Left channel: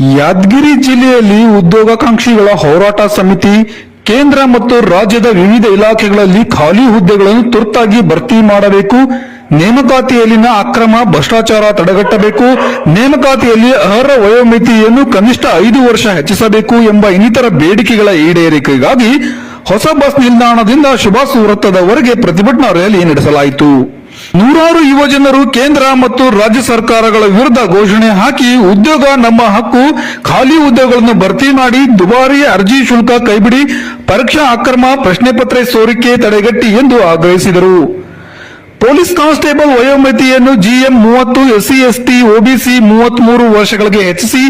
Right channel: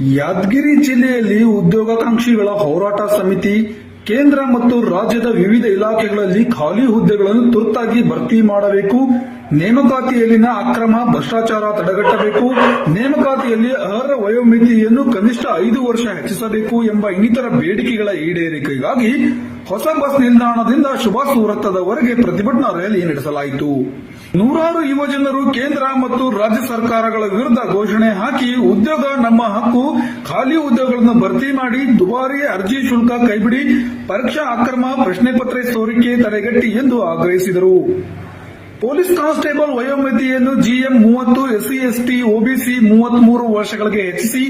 ಯಾದಗಿರಿ ಜಿಲ್ಲೆಯಲ್ಲಿ ಉದ್ಯೋಗಾಕಾಂಕ್ಷಿಗಳ ಹೋರಾಟ ಸಮಿತಿ, ಕೇಂದ್ರ ಮತ್ತು ರಾಜ್ಯದ ವಿವಿಧ ಇಲಾಖೆಗಳಲ್ಲಿ ಖಾಲಿ ಹುದ್ದೆಗಳನ್ನು ತುರ್ತಾಗಿ ಭರ್ತಿ ಮಾಡಬೇಕು. ನೇಮಕಾತಿಯಲ್ಲಿನ ಅಕ್ರಮ ಭ್ರಷ್ಟಾಚಾರ ತಡೆಗಟ್ಟಬೇಕು. ನೇಮಕಾತಿಯಲ್ಲಿ ಅರ್ಹ ವಯೋಮಿತಿಯನ್ನು ಕನಿಷ್ಠ ಐದು ವರ್ಷ ಹೆಚ್ಚಿಸಬೇಕು ಎಂಬ ಇನ್ನಿತರ ಬೇಡಿಕೆಗಳ ಈಡೇರಿಕೆಗಾಗಿ ಹೊಸ ಬಸ್ ನಿಲ್ದಾಣದಿಂದ ಶುಭಾಸು ವೃತ್ತದವರೆಗೆ ಪ್ರತಿಭಟನಾ ರ್ಯಾಲಿ ನಡೆಸಲಾಯಿತು. ನೂರಾರು ಯುವಜನರು ಕೇಂದ್ರ ಮತ್ತು ರಾಜ್ಯ ಸರ್ಕಾರಗಳ ವಿರುದ್ಧ ಘೋಷಣೆ ಹಾಕಿ ಉದ್ಯೋಗ ನಮ್ಮ ಹಕ್ಕು, ಖಾಲಿ ಹುದ್ದೆಗಳನ್ನು ಭರ್ತಿ ಮಾಡಿ ದುಬಾರಿ ಅರ್ಜಿ ಶುಲ್ಕ ಕೈಬಿಡಿ, ಪರೀಕ್ಷಾ ಅಕ್ರಮ ಪ್ರಶ್ನೆ ಸೋರಿಕೆ ತಡೆಗಟ್ಟಿ ಎಂದು ಆಗ್ರಹಿಸಿದರು. ಪೊಲೀಸ್ ಕಾನ್ಸ್ಟೇಬಲ್ ವಯೋಮಿತಿಯನ್ನು ಜಿಎಂ ಮೂವತ್ತು, ಎಸ್ಸಿ, ಎಸ್ಟಿ, ಒಬಿಸಿ ಮೂವತ್ಮೂರು ವರ್ಷಗಳಿಗೆ ಹೆಚ್ಚಿಸಿ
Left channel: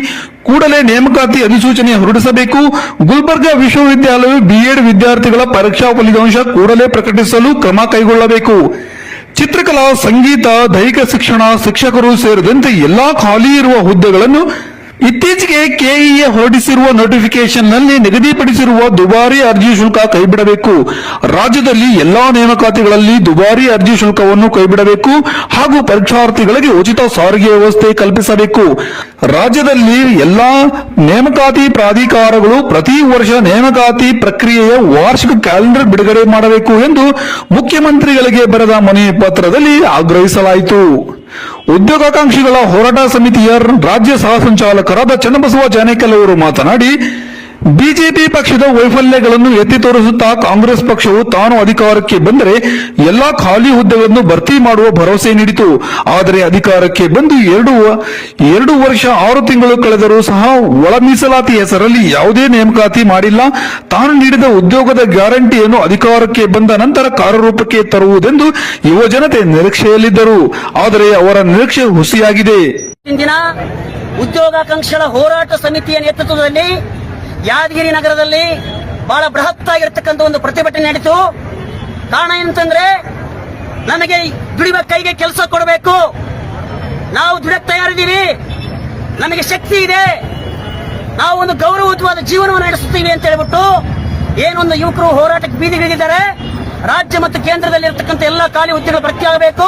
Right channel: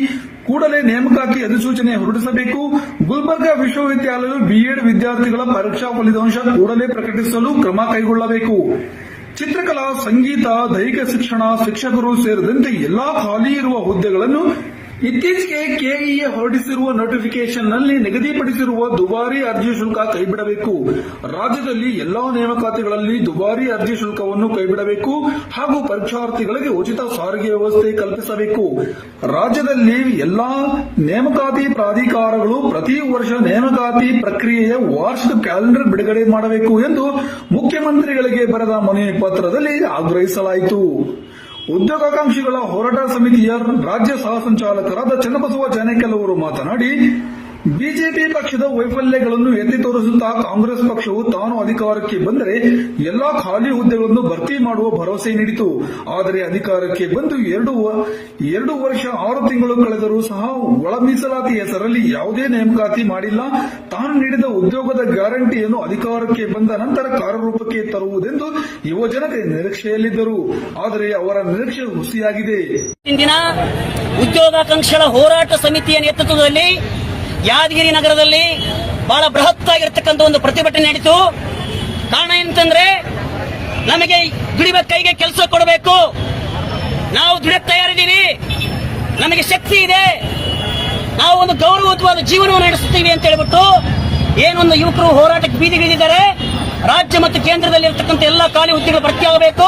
ಕೂಡಲೇ ನೇಮಕಾತಿ ಅಧಿಸೂಚನೆ ಹೊರಡಿಸಬೇಕು. ಗುಲ್ಬರ್ಗಾ ವಿಶ್ವವಿದ್ಯಾಲಯವು ಬಿಎಡ್ ವಿದ್ಯಾರ್ಥಿಗಳ ಪರೀಕ್ಷಾ ಫಲಿತಾಂಶ ಕೂಡಲೇ ಪ್ರಕಟಿಸಲು ಕ್ರಮ ಕೈಗೊಳ್ಳಬೇಕು. ಚಿತ್ರಕಲಾ, ಸಂಗೀತ, ದೈಹಿಕ ಶಿಕ್ಷಣ, ಶಿಕ್ಷಕರು ಸೇರಿದಂತೆ ಎಲ್ಲಾ ಖಾಲಿ ಇರುವ ಹುದ್ದೆಗಳನ್ನು ಇತ್ತೀಚೆಗೆ ಕೆಇಎ ಹೊರಡಿಸಿರುವ ನೋಟಿಫಿಕೇಶನ್ನಲ್ಲಿ ನಿಗದಿಪಡಿಸಿರುವ ದುಬಾರಿ ಅರ್ಜಿ ಶುಲ್ಕ ಕೈಬಿಡಬೇಕು. ರಾಜ್ಯದಲ್ಲಿ ಎಲ್ಲಾ ನೇಮಕಾತಿಗಳಲ್ಲಿ ದುಬಾರಿ ಅರ್ಜಿ ಶುಲ್ಕವನ್ನು ಕೈಬಿಡಬೇಕು ಹಾಗೂ ಪರೀಕ್ಷಾರ್ಥಿಗಳಿಗೆ ಉಚಿತ ಸಾರಿಗೆ ವ್ಯವಸ್ಥೆ ಕಲ್ಪಿಸಬೇಕು. ರಾಜ್ಯದಲ್ಲಿ ಎಲ್ಲಾ ನೇಮಕಾತಿ ಪ್ರಾಧಿಕಾರಗಳು ಪ್ರತಿ ವರ್ಷ ನೇಮಕಾತಿ ಪ್ರಕ್ರಿಯೆಯ ವಾರ್ಷಿಕ ಕ್ಯಾಲೆಂಡರ್ ಬಿಡುಗಡೆ ಮಾಡಬೇಕು ಎಂದು ಮುಖ್ಯಮಂತ್ರಿಗಳಿಗೆ ಬರೆದ ಮನವಿ ಪತ್ರದಲ್ಲಿ ಆಗ್ರಹಿಸಲಾಯಿತು. ಉದ್ಯೋಗಾಕಾಂಕ್ಷಿಗಳ ಹೋರಾಟ ಸಮಿತಿಯ ರಾಜ್ಯ ಸಹ ಸಂಚಾಲಕರಾದ ಚನ್ನಬಸವ ಜಾನೇಕಲ್ ಅವರು ಮಾತನಾಡಿ ಬಿಜೆಪಿ ಪಕ್ಷದ ವೈಫಲ್ಯಗಳನ್ನು ಎತ್ತಿ ತೋರಿಸುತ್ತಾ ಕಾಂಗ್ರೆಸ್ ಪಕ್ಷವು ತಾನು ಅಧಿಕಾರಕ್ಕೆ ಬಂದರೆ ಎಲ್ಲಾ ಖಾಲಿ ಹುದ್ದೆಗಳನ್ನು ಭರ್ತಿ ಮಾಡುವ ಭರವಸೆ ನೀಡಿತು. ಆದರೆ ಅಧಿಕಾರಕ್ಕೆ ಬಂದು ಎರಡು ಎರಡು ವರ್ಷ ಆರು ತಿಂಗಳು ಕಳೆದರೂ ಸಹ ಒಳ ಮೀಸಲಾತಿ ಹೆಸರಲ್ಲಿ ಯಾವುದೇ ನೇಮಕಾತಿ ಮಾಡಿಲ್ಲ. ತಾನು ನೀಡಿದ ಉದ್ಯೋಗದ ಗ್ಯಾರಂಟಿಯನ್ನು ಅಧಿಕಾರಕ್ಕೆ ಬಂದ ನಂತರ ಕಾರ್ಯರೂಪಕ್ಕೆ ತರುವುದೆಂದು ಯುವ ಜನತೆ ನಿರೀಕ್ಷೆಯಲ್ಲಿದ್ದರು. ಆದರೆ ಅವರ ನಿರೀಕ್ಷೆ ಹುಸಿಯಾಗಿದೆ. ಉದ್ಯೋಗಾಕಾಂಕ್ಷಿಗಳ ಹೋರಾಟ ಸಮಿತಿಯ ನೇತೃತ್ವದಲ್ಲಿ ಯಾದಗಿರಿ ನಗರದಲ್ಲಿ ಬಹಳ ಬೃಹತ್ತಾಗಿರ್ತಕ್ಕಂಥ ಒಂದು ಪ್ರತಿಭಟನೆ ನಡೀತು. ಕಾರಣ ಏನಂತಂದ್ರೆ, ನಮಗೆ ದುಡಿಮ ಕೈಗೆ ಕೆಲಸ ಕೊಡಬೇಕು. ನಾವು ದುಡಿಯಕ್ಕೆ ತಯಾರಿದ್ದೀವಿ. ನಮಗೆ ಶಕ್ತಿ ಇದೆ. ನಾವು ಒಂದು ಗೌರವಯುತವಾದ ಜೀವನವನ್ನು ನಡೆಸುತ್ತೀವಿ ಅಂತ ಹೇಳ್ಬಿಟ್ಟು ಏನೊಂದು ಯುವಕರು ಹೋರಾಟಕ್ಕೆ ಬೀದಿಗಿಳಿದಿದ್ದಾರೆ ರಾಜ್ಯ ಮತ್ತು ಕೇಂದ್ರದಲ್ಲಿ ಇರತಕ್ಕಂಥ ಎಲ್ಲ ಖಾಲಿ ಹುದ್ದೆಗಳು ಭರ್ತಿಯಾಗಬೇಕು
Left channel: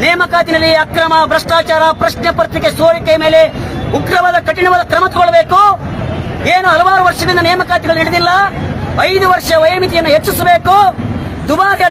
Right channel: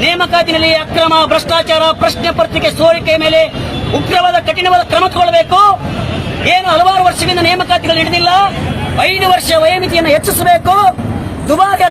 ನೇಮಕಾತಿನಲ್ಲಿ ಅಕ್ರಮ, ಭ್ರಷ್ಟಾಚಾರ, ಪ್ರಶ್ನೆ ಪತ್ರಿಕೆ ಸೋರಿಕೆ ಮೇಲೆ ಉಗ್ರವಾದ, ಕಠಿಣವಾದ ಕ್ರಮ ವರ್ಷಗಳಿಂದ ನೇಮಕಾತಿಗಳು ನಡೆದಿಲ್ಲ. ಐದು ವರ್ಷ ವಯಮಿತಿಯನ್ನು ಹೆಚ್ಚಿಸಬೇಕು. ದುಬಾರಿ